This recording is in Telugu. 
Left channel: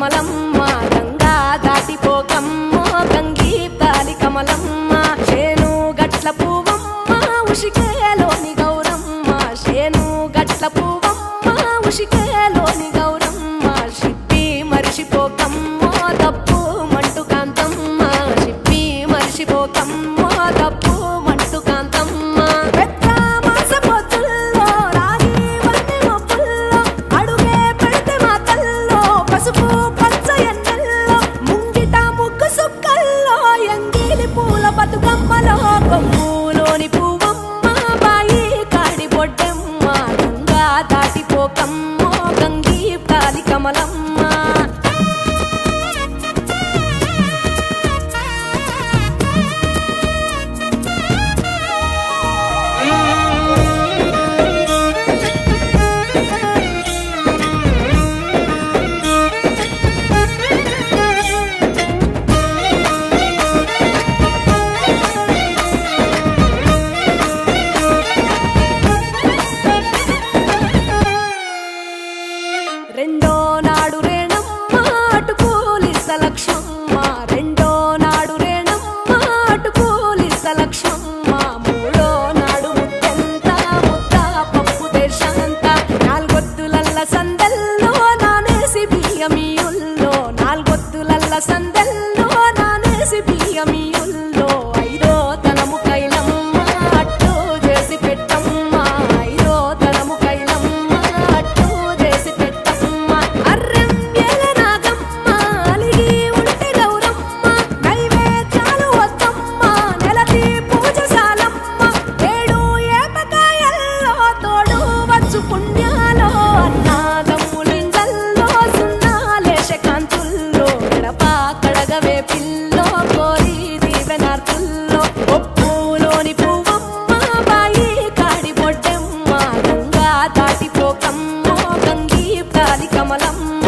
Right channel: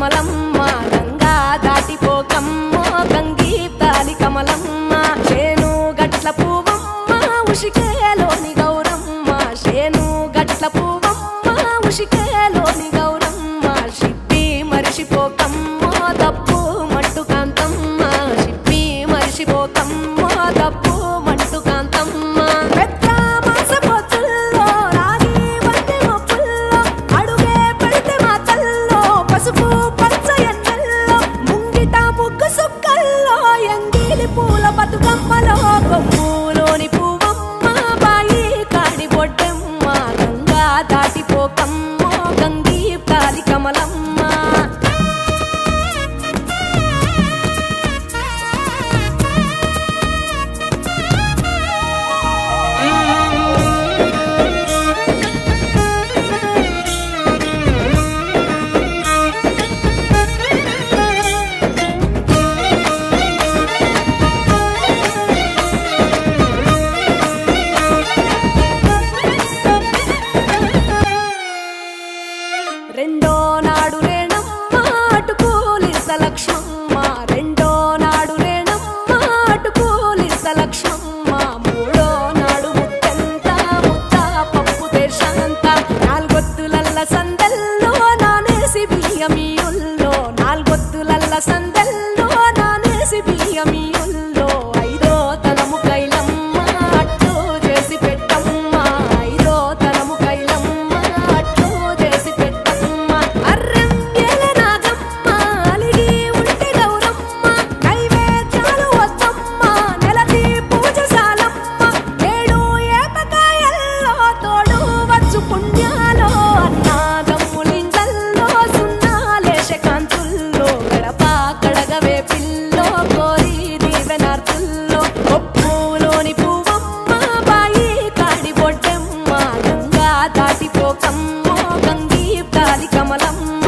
కమలమ్మ గంగా దాటిపోకమ్మో గంగీప్తాలి కమలమ్మ శేను గట్ల పువ్వమ్మ ఉషికేలోని గౌరమ్మ శేను గట్ల పువ్వమ్మ ఉషికేలోని గౌరమ్మ షిప్పి మరిషిపోకమ్మో తప్పు మంటు కాంతమ్మ షిప్పి మరిషిపోకమ్మో తప్పు మంటు కాంతమ్మ పసుపు పచ్చ ఎన్నెల్లో ముంగిట ముగ్గు సుక్కల్లో ఎంగిలి పూల బతుకమ్మలో కొమ్ములోని పువ్వమ్మ బాయి కాడి బొడ్డెమ్మ గంగా దాటిపోకమ్మో గంగీప్తాలి కమలమ్మ రెండో నాడు రేణమ్మ అటు పూలిస్త లక్ష్మమ్మ రెండో నాడు రేణమ్మ అటు పూలిస్త లక్ష్మమ్మ మూడో నాడు ముత్తెంత ముద్ద పప్పు దేశంత నాలుగొత్తులల్ల సందెల్లో నానేసి బియ్యమియుల్లో నాలుగొత్తులల్ల సందెల్లో నానేసి బియ్యమియుల్లో ఐదో తనము కైలమ్మ అట్టు చేసి పెట్టమ్మ ఐదో తనము కైలమ్మ అట్టు చేసి పెట్టమ్మ అర్రెం ఏల నాగమ్మ అలిగి ఉంటే గౌరమ్మ నైవేద్యాలు వద్దమ్మ నెలతి పూజశాలమ్మ ఏడు ఏపకాయల్లో తోడు వచ్చు పుణ్యాలో అన్నాదమ్ములింగల్లో సున్నాలేశ కాంతుల్లో గడప కడగవే పిల్లో కోరి దీవెనార్తుల్లో ఒప్పులోని పువ్వమ్మ బాయి కాడి బొడ్డెమ్మ గంగా దాటిపోకమ్మో గంగీప్తాలి కమలమ్మ